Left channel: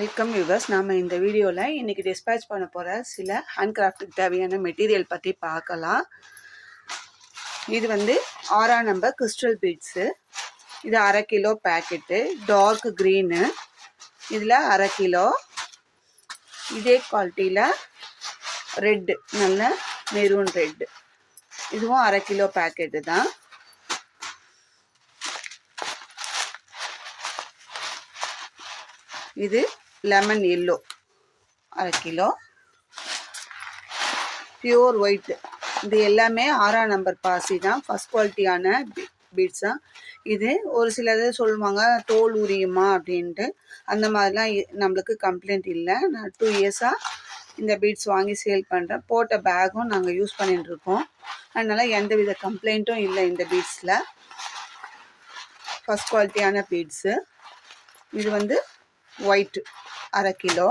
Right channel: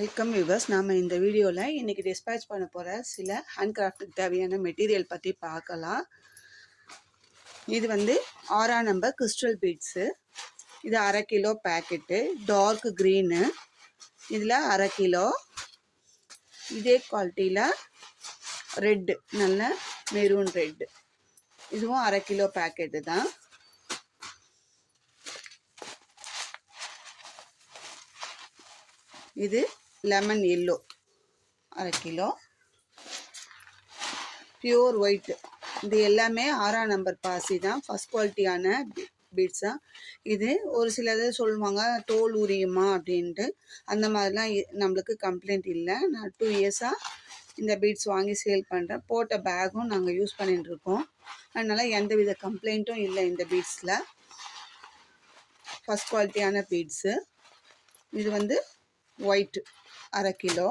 Welcome viewers. நாம் இந்த வீடியோவில் இன்றைக்கி டிஸ்பேச் பண்ண போகிற சில ஹேண்ட் கிராஃப்ட்டுக்கு தேவையான மெட்டீரியல் பற்றி பார்க்கலாம். இது வந்து 6ஆம் நம்பர் கிறிஸ்டல் பீட்ஸு. இது 1/2 கிலோ பேக்கெட்டு, டார்க் க்ரீனு. இதில் 1/2 கிலோ. இதே குவாலிட்டியில் ரெட்டு, நல்ல மெரூன் ரெட்டு, இதுவும் 1/2 கிலோ பேக்கெட்டு தான். இது lemon yellow 1/2 kilo. Pure white, இது எல்லாமே 6ஆம் நம்பர் பாசி தான். ஃபஸ்ட் குவாலிட்டியான பீட்ஸ் தான். இது ஒரு சிலது சொல்லுவாங்க தோல் உரியுமா அப்படின்ட்டு. அந்த மாதிரிலாம் நம்மளுக்கு கம்ப்ளைண்ட் இல்லை. நான் 2 இயர்ஸாக இந்த பீட்ஸ் வாங்கி சேல் பண்ணுறேன். போட்ட பேக்கும் நாங்கள் யூஸ் பண்ணிட்டுருக்கோம். அதனால் எந்த வித கம்ப்ளைண்ட்டும் இல்லை இந்த பீட்ஸில். ஃபஸ்ட் குவாலிட்டியான பீட்ஸு. இது வந்து ஒயிட் 1/2 கிலோ.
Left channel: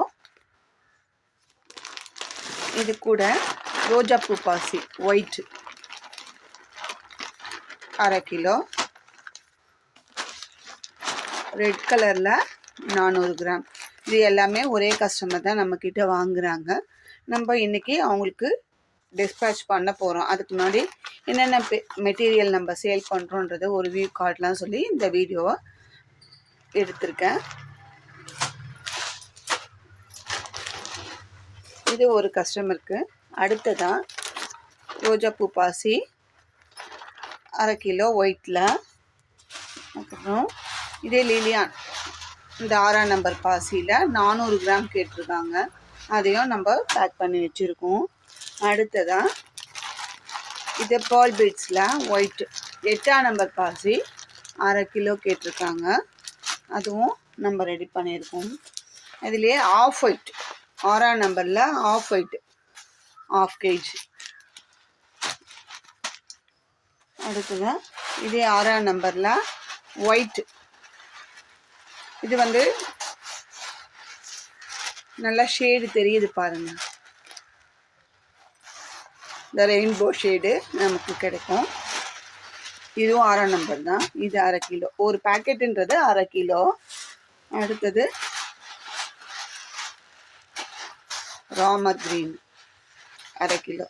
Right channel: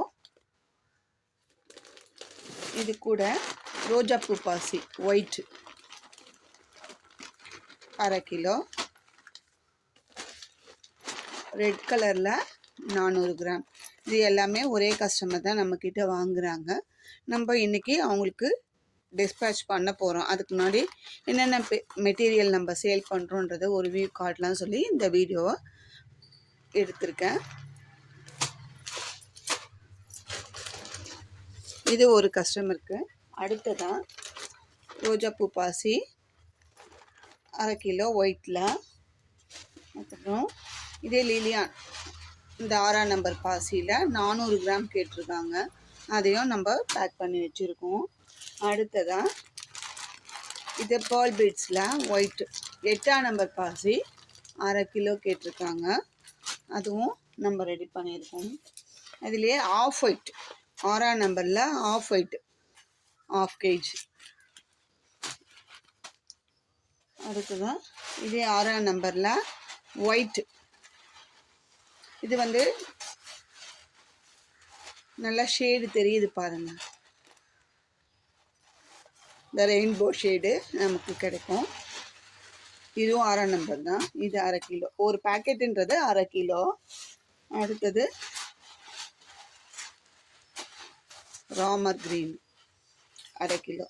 இது கூட ரோஜா பூ பாசி ஒயிட் 1/2 கிலோ. ரெட் கலரில் 400 கிராம். இது எல்லாமே ஒரே கஸ்டமர் தான் நம்மக்கிட்ட வாங்குகிறாங்க. நம்ம இன்றைக்கி அவங்களுக்கு டிஸ்பேச் பண்ண போகிறோம். அதுக்கு முன்னாடி என்னென்ன மெட்டீரியல் நம்ம சேல் பண்ணுறோன்றது ஒரு வியூ காட்டலாம் சொல்லி இந்த வீடியோவை எடுத்திருக்கேன். இது ஒரு கஸ்டமருக்கு. அடுத்ததான் ரோஜா பூ பாசி 1/2 கிலோ ஒயிட்டில். அப்புறம் இதே லிலியான், இந்த 6ஆம் நம்பர் பாசியில் 400 கிராம் கேட்டிருக்காங்க. அதையும் நம்ம பேக் பண்ணி வச்சுருக்கோம். அடுத்ததான் இது பால் பீட்ஸில் ஒயிட் 8ஆம் நம்பர் பாசி 1/2 கிலோ கேட்டிருக்காங்க. அதுவும் நம்ம ரெடி பண்ணியிருக்கோம். இதுலேயே ஆஃப் ஒயிட் 6ஆம் நம்பரில் ஆஃப் ஒயிட் 1/2 kg. அடுத்ததான் இதே 6ஆம் நம்பரில் ஒயிட். இது வந்து நல்லா ஷேடு தெரியுது பாருங்கள். இந்த ரெயின்போ ஷேடு நமக்கு கிடைக்கும். இதுவும் 6ஆம் நம்பர் தான். இது 1/2 கிலோ. ஒரு பேக்கெட்டுன்றது 1/2 கிலோ. அடுத்தது ராமர் க்ரீன் 1/2 கிலோ.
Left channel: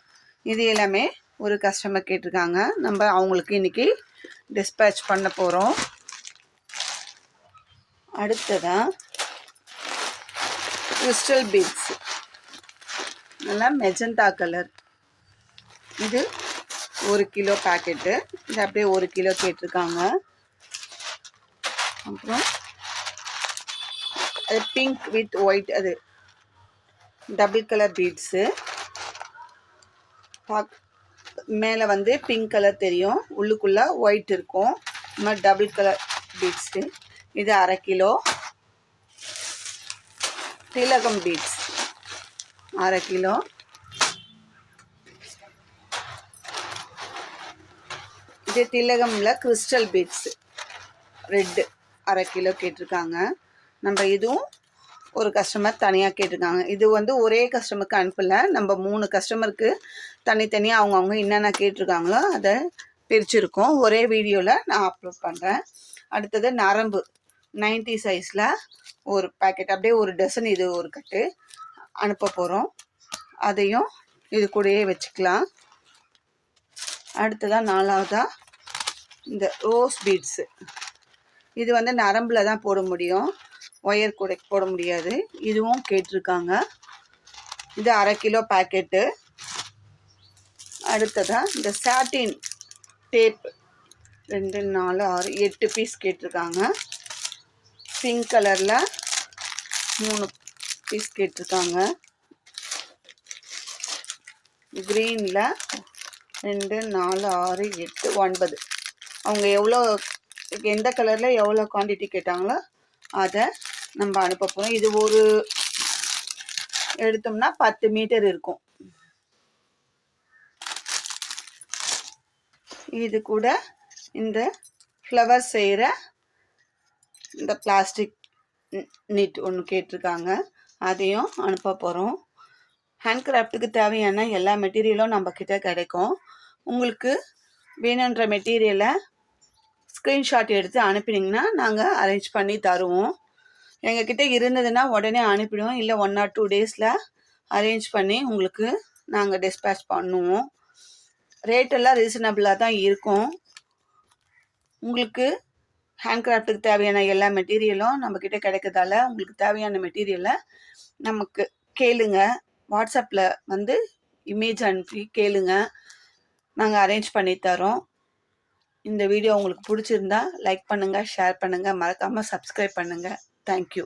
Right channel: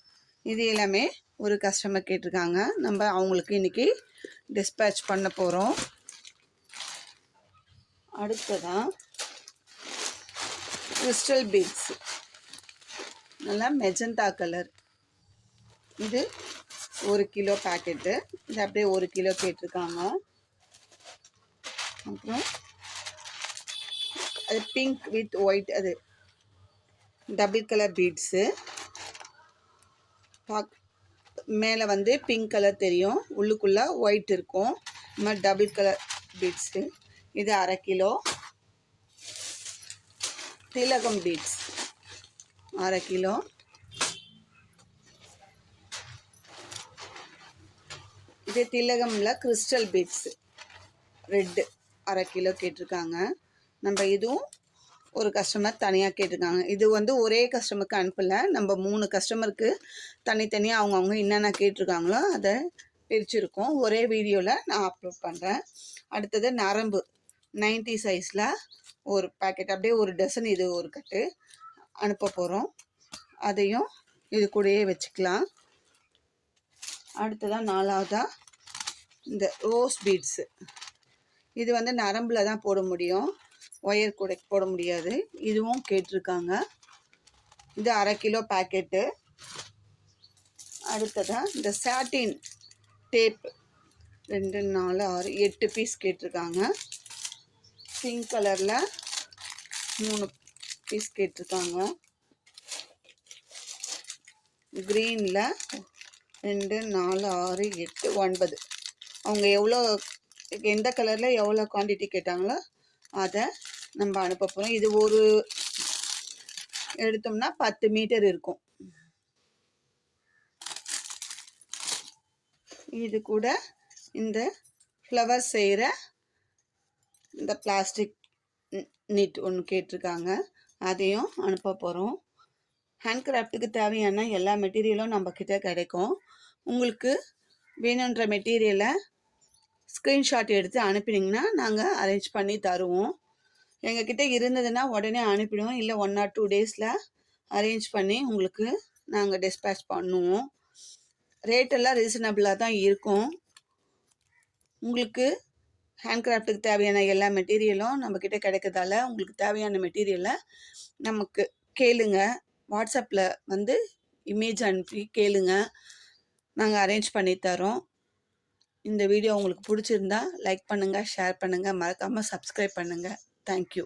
இது எல்லாமே ஒரு கஸ்டமர் கேட்டிருக்காங்க. நம்ம அவங்களுக்கு இன்றைக்கி டிஸ்பேச் பண்ண போகிறோம். அடுத்ததான் கிறிஸ்டல் பீட்ஸ், நல்லா மெஜந்தா கலர். இது 1 கிலோ பேக்கெட்டு. இது அப்படியே 1 கிலோ கேட்டிருக்காங்க. அப்புறம் அது பிங்க் வித் ஒயிட், அது டபுள் கலர் பீட்ஸு. மேலே வந்து பிங்க் கலர் தெரியும், உள்ளுக்குள்ளே ஒயிட் இருக்கும். இந்த மாதிரி டபுள் கலர் பீட்ஸு. இது 1/2 கிலோ. திலகம் பீட்ஸ் 1/2 கிலோ. இது திலகமில் கிறிஸ்டல் பீட்ஸு ரெட்டு 1/2 கிலோ கேட்டிருக்காங்க. நம்ம இதுவும் ஒரு கஸ்டமர் தனியாக கேட்டிருக்காங்க. இது வந்து ஒரே கஸ்டமருக்கு அனுப்பலை. நம்ம 3 கஸ்டமருக்கு தனித்தனியாக அவங்கவுங்க என்னென்ன கேட்டிருக்காங்களோ அதை பிரிச்சுருக்கோம். ஒரே வீடியோவில் நான் அப்லோட் பண்ணுறேன். அடுத்தது நரம்பு 90 சைஸில் ஒரு பேக்கெட், அப்படியே ஒரு டசன், இது ஒரு கட்டு அனுப்ப போகிறோம். அதையும் இது கூடயே வச்சுக்கலாம். அடுத்ததான் 4வதாக இந்த ரோஸ் பீட்ஸு. இது வந்து நரம்பில் தான் போட முடியும், ஒயர் கூட போட முடியாது. இதுவும் கேட்டிருக்காங்க. இது 1/2 கிலோ பேக்கெட்டு. அடுத்ததாக இந்த சாட்டின் டேப் 2, 4, 6, 8 பீஸ் கேட்டிருக்காங்க. பிங்க் கலரில் 3 பீஸ் கேட்டிருக்காங்க. க்ரீனில் 2, 4, 6, 8, 9. அவங்க எவ்வளோ எந்த கலரில் எவ்வளோ குவான்டிட்டி கேட்டாங்களோ அதை நம்ம அனுப்ப போகிறோம். இது ஒரு எடுத்தோம்னா 10 மீட்டர் இருக்கும். இது கூட இந்த ஃப்ளவர் செய்கிற இந்த பிளாஸ்டிக் நீட் ஒன்று கேட்டிருக்காங்க. அதையும் அனுப்ப போகிறோம். ஹேண்ட் கிராஃப்ட்டுக்கு தேவையான எல்லா மெட்டீரியலும் நம்மக்கிட்ட கிடைக்கும். உங்களுக்கு வேணுன்ற மெட்டீரியலை ஸ்க்ரீன்ஷாட் எடுத்து அனுப்பினீங்கன்னா நாங்கள் அரேஞ்ச் பண்ணி தருவோம். எங்ககிட்ட இருந்ததுன்னா உடனே அனுப்பிடுவோம். இல்லை 1 or 2 டேஸில் அரேஞ்ச் பண்ணி உங்களுக்கு நாங்கள் டிஸ்பேச் பண்ணுவோம். ரேட்டெல்லாம் ரீசனபிளாக தான் இருக்கும். உங்களுக்கு ஹேண்ட்கிராஃப்ட்டுக்கு தேவையான எல்லா மெட்டீரியலும் நம்மக்கிட்ட கிடைக்கிறதால உங்களுக்கு தேவையான மெட்டீரியலை நமக்கு கேளுங்க. வாட்ஸ்அப்பில் வந்து இமேஜ் அனுப்பி கேளுங்க, நாங்கள் அரேஞ்ச் பண்ணி தரோம். இந்த வீடியோ உங்களுக்கு பிடிச்சிருந்தா லைக் பண்ணுங்கள், ஷேர் பண்ணுங்கள், மறக்காமல் சப்ஸ்கிரைப் பண்ணுங்கள். தேங்க்யூ.